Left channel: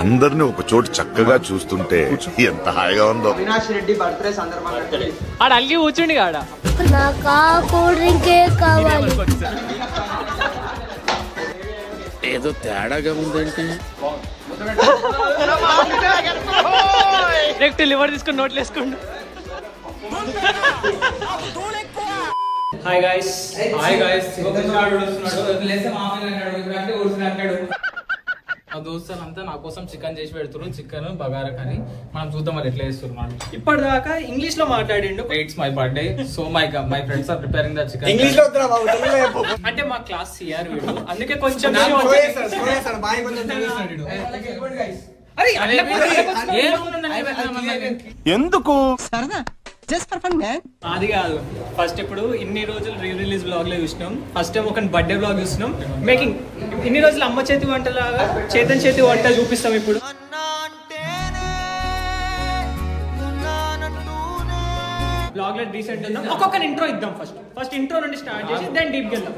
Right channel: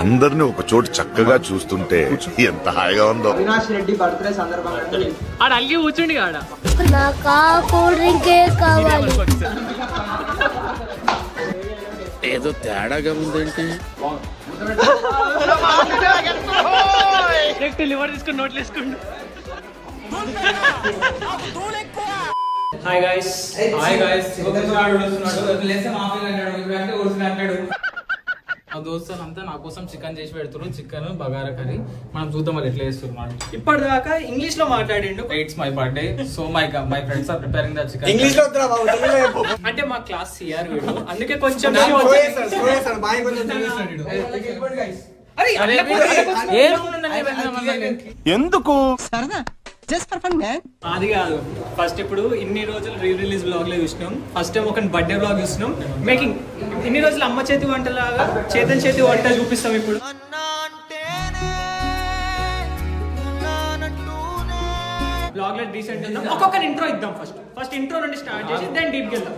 అందరిని ఒక చోటు చక్కగా చూస్తుంటే ఎంత హాయిగా ఉందో. అవినాష్ రెడ్డి బర్త్డే సందర్భంగా ఆడ అల్లి కూర్చుండి ఆడ నాకు కూల్ డ్రింకే కావాలి. ఏదో తేడాగా ఉందంటే డైరెక్ట్ లివర్ తీసుకుని నోట్లు వేసుకోండి. హాయ్ గాయ్స్ మా దోస్తులంతా నా కోసం చికెన్ చేసి పెడుతున్నారు. Chicken bagara curry. మనం చూద్దాం వాళ్ళు ఎట్లా చేస్తున్నారు. ఇప్పటిదాకా ఇంగ్లీష్ లో మాట్లాడిండు. It's my birthday so my friends are preparing the chicken. అంటే మా క్లాస్ సిఆర్ వీడు, అందుకే కొంచెం ఎందుకు అది కాదు. ఫస్ట్ ఇప్పుడు ఇన్ని రోజులు రీ రిలీజ్ బ్లాగ్ లో చూసినాం. ఫస్ట్ టైం ఒక బర్త్డే బ్లాగ్ చూసినాం. మేకింగ్ ఇన్ని రోజులు అమ్మ చేతి వంట లాగా చేతన్ చేతి వంట చూపిస్తాం. ఇప్పుడు బ్లాగ్ లో డీసెంట్ ఉందాం. ఒక్కొక్క ఇంట్రో ఇద్దాం. ఫస్ట్ ఇంట్రో నుండి స్టార్ట్ చేసి దెన్ డీప్ వెళ్దాం.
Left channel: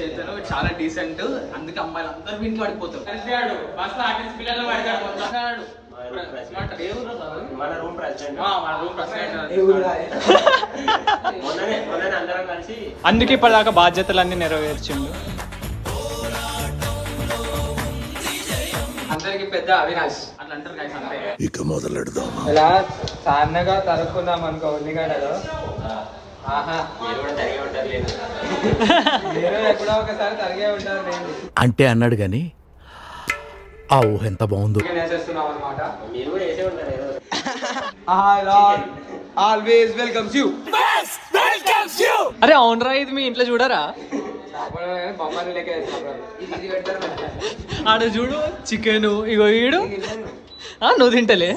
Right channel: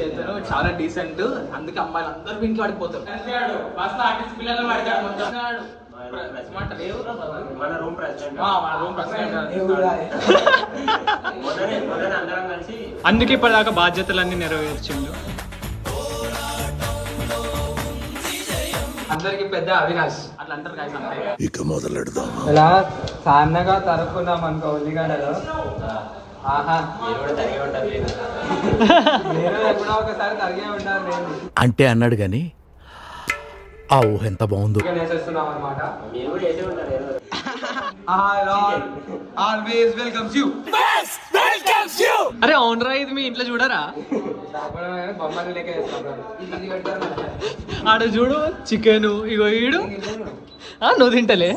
చేతను చాలా డీసెంట్, అందుకే అమ్మాయిలు అందరూ వీటికి పడిపోతారు. అందుకే ఇప్పటిదాకా బాధ్యతలన్నీ నెరవేర్చిండు. అందరికి పెద్ద అవినాష్ అట్లా అంటారు guys, అంతే. ఇక మొదలెడదామా? ఇలా సన్నగా తరుక్కుందాం అనుకో ఉల్లిగడ్డలు. ఆహా మీరు ఎప్పుడో ఒకసారి తరిగే ఉంటారు. అంటే అన్నాడు గాని ఆ ఊహ ఎంత బాగుందో. వేసేస్తున్నాం అనమాట. అరే అవునరా, ఇది మీ ఇంట్లో చూడరా? బొమ్మని లెక్క ఆడ చూడు చికెన్, ఇగో ఈడు నువ్వు తింటలే.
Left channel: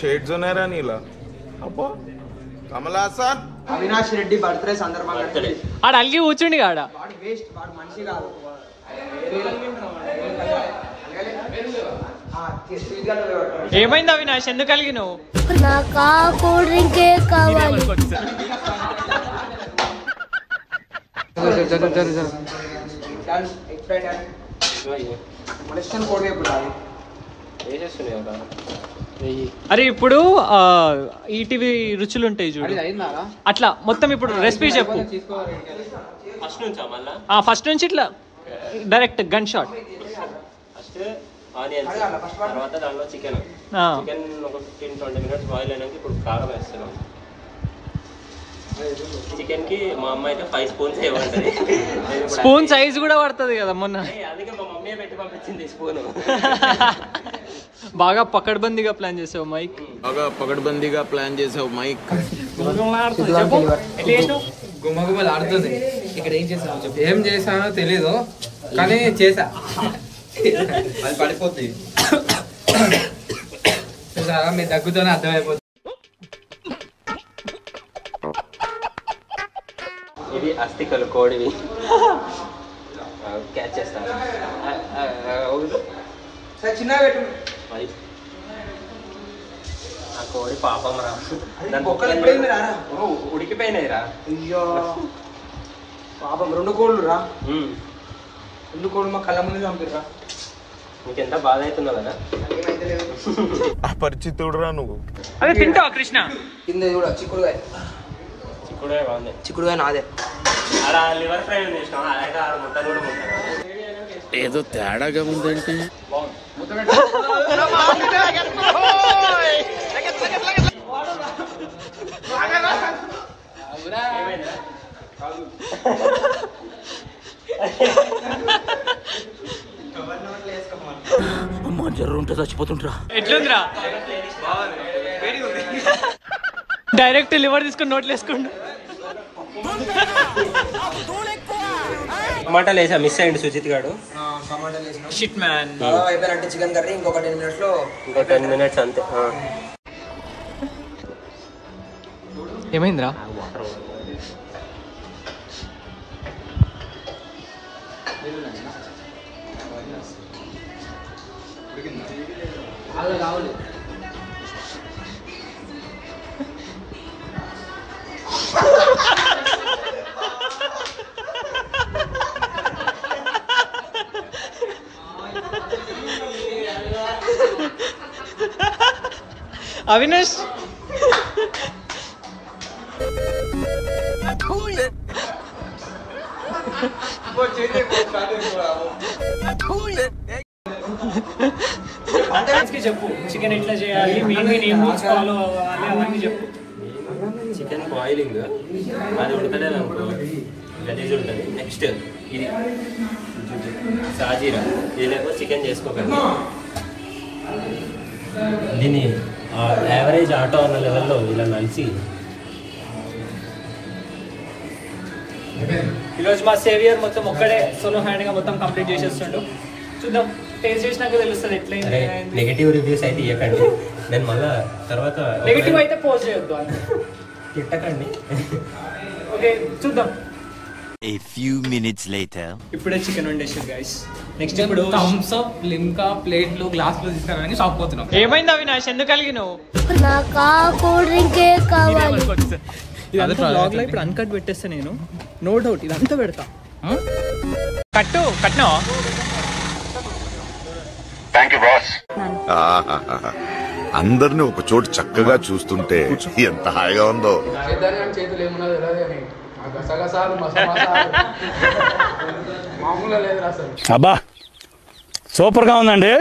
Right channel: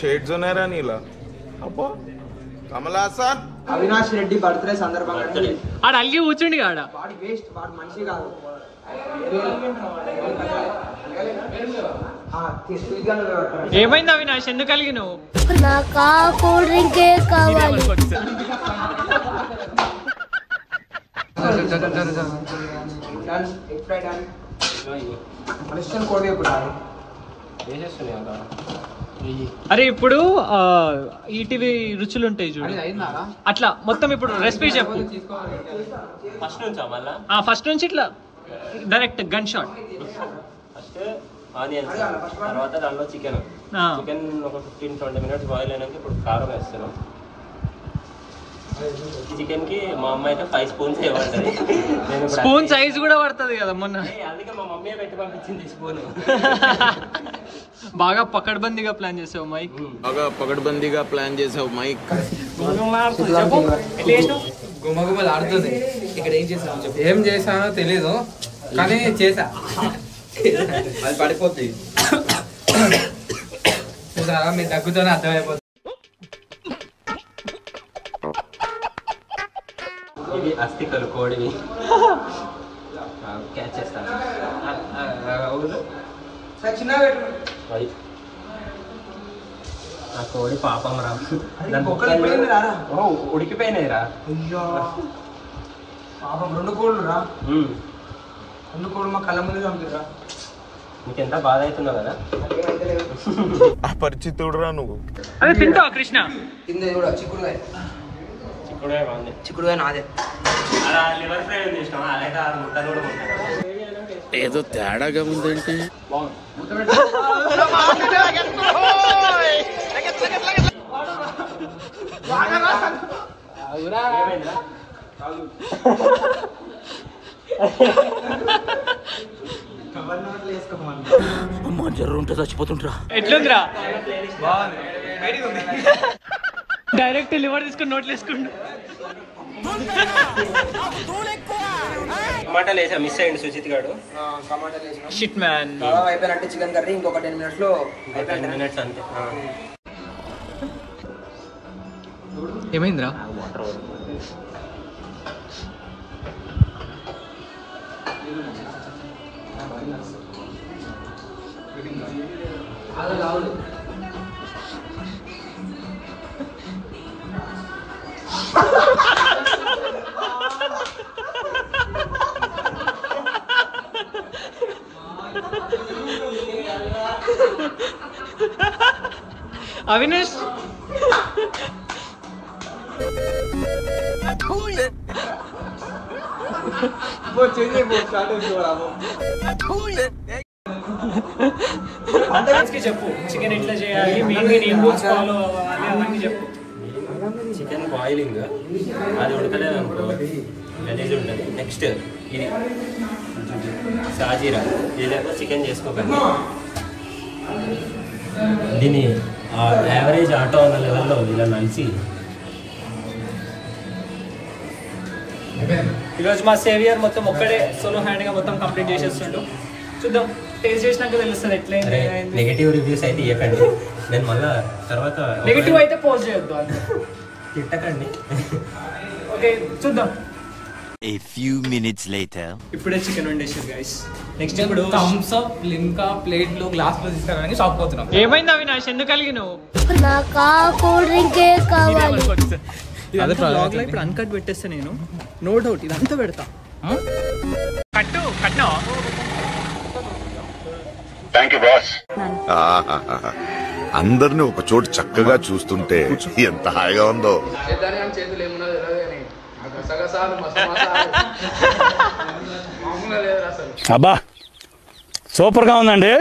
షేడ్స్ ఉన్నారా నీలా? అబ్బో కమలాసన్. అవినాష్ రెడ్డి బర్త్డే సందర్భంగా ఆడ అల్లి కూర్చుండి ఆడ. వాడు వేస్ట్, వాడు మనిషి కాదు. ఏమైంది అవినాష్, ఎందుకు కలిగినావు? నాకు కూల్ డ్రింకే కావాలి. అరే ఇప్పుడు ఈటీవీ రుచులు ఉంటాయి చూడు, అట్లా మొత్తం ఇప్పుడు రెసిపీ చెప్పు. ఫస్ట్ నుంచి ఇట్లా డైరెక్ట్ గన్ షాట్. ఆనియన్స్, తర్వాత దానిలో చికెన్ ఒక 15-20 మినిట్స్ బాయిల్ అయినాక ఇప్పుడు కారం వేస్తున్నాం. చికెన్ కి మా అమ్మ అయితే 5 స్పూన్స్ ఇవ్వండి. స్పూన్ సైజ్ కూడా పడుతుంది కదా మొన్న, అందుకే మా మమ్మీ పెట్టి పంపించింది స్పూన్. బాగా పకడ్బందీగా ప్లాన్ చేసావు మైక్. బాగా పకడ్బందీగా ప్లాన్ చేసావు మైక్. చెప్పు ఎట్లా చేసావు? గుమ్మగుమ్మలు ఆడుతుంది. ఇక్కడ ఏం చేసావు చెప్పు. ఏం చేసానో తెలీదు కానీ చేసా. అది పడిపోద్ది. చూసారా, మీ దగ్గుతోనే అర్థమైపోతుంది. ఇవి అస్థికలు కోడివి. క్యాచ్ చేస్తాను. ఆ కోడి పాపం రా, ఉడికిపోయినాయి రా. అయ్యో పాపం, 2 కోళ్ళు రా. 2 కోళ్ళు మా కళ్ళ ముందు చంపిరా. నీకెంత బాధ అవుతున్నావు కదా. అపరిచితుడురా నువ్వు. అదే తింటావా కృష్ణ? కింద కూడా చిక్కుడుగా బాగుంది. చిక్కుడుగా నాదే. లివర్ ఫ్రై చేసినాం, అదైతే 6 ముక్కలు కూడా ఉంటారు. ఏదో తేడాగా ఉందంటే అమ్మా జర్రు ఉంటే చచ్చిపోతుంటరా. ఎట్లుందిరా? డైరెక్ట్ లివర్ తీసుకుని నోట్లు వేసుకోండి. టమాటాలు వేసా, మిస్ అయ్యింది సుజిత్ గారు. Shit man. అయిపోయినట్టే చికెన్ కర్రీ. ఇంకొక 10 మినిట్స్ లో, ఇంకో 10 మినిట్స్ అంతే. ఏమైందిరా? వాటర్ అవినాష్ చెప్పు చికెన్ ఎట్లా చేయాలి, మెయిన్ ఏం రూల్స్ ఫాలో అవ్వాలి అవన్నీ చెప్పు. చికెన్ బాయిలింగ్ అది ఉడకలేదు అనుకో గలీజ్ ఉంటుంది. నెక్స్ట్ ఇది సాజీరా, ఇది లేకపోతే చికెన్ చేసుకోకండి. దీన్ని యావరేజ్ ఆటో అన్న లెవెల్లో ఇలా నలిసి. ఈరోజు మా సేవియర్ మొత్తం ఒక్కడే సోలో హ్యాండ్ గా మొత్తం కంప్లీట్ చేసేస్తుండు. చూద్దాం, టేస్ట్ చేసినాక తెలుస్తుంది ఎట్లయింది. నెగటివ్ రివ్యూస్ అయితే ఇవ్వకండి, నేను మళ్ళా తర్వాత నెగటివ్ అయితే పోస్ట్ చేయొద్దు, తిట్టకండి. ఓకే చూద్దాం. A few minutes later. ఇప్పుడే చికెన్ వండేసారు గైస్. నెక్స్ట్ ఇప్పుడు థమ్స్ అప్, లిమ్కా ప్లేట్లు గ్లాస్లో తీసుకురావడానికి షాప్ పోతున్నాం. ఏమైంది అవినాష్, ఎందుకు కలిగినావు? నాకు కూల్ డ్రింకే కావాలి. ఇదంతా బ్లాగ్ లో ఇప్పుడు అన్కట్ పెట్టేస్తా నేను, నో డౌట్ ఇదంతా పెడతా. కట్టినా అందరిని ఒక చోటు చక్కగా చూస్తుంటే ఎంత హాయిగా ఉందో. చేతులు ఏమున్నది తెలియదు అని గసగసాలు మసాలు మామూలుగా లేదు అసలు. అబ్బా సూపర్ గా ఉందండి.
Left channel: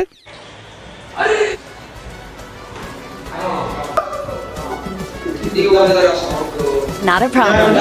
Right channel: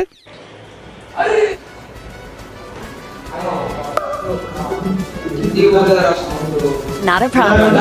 Not a problem.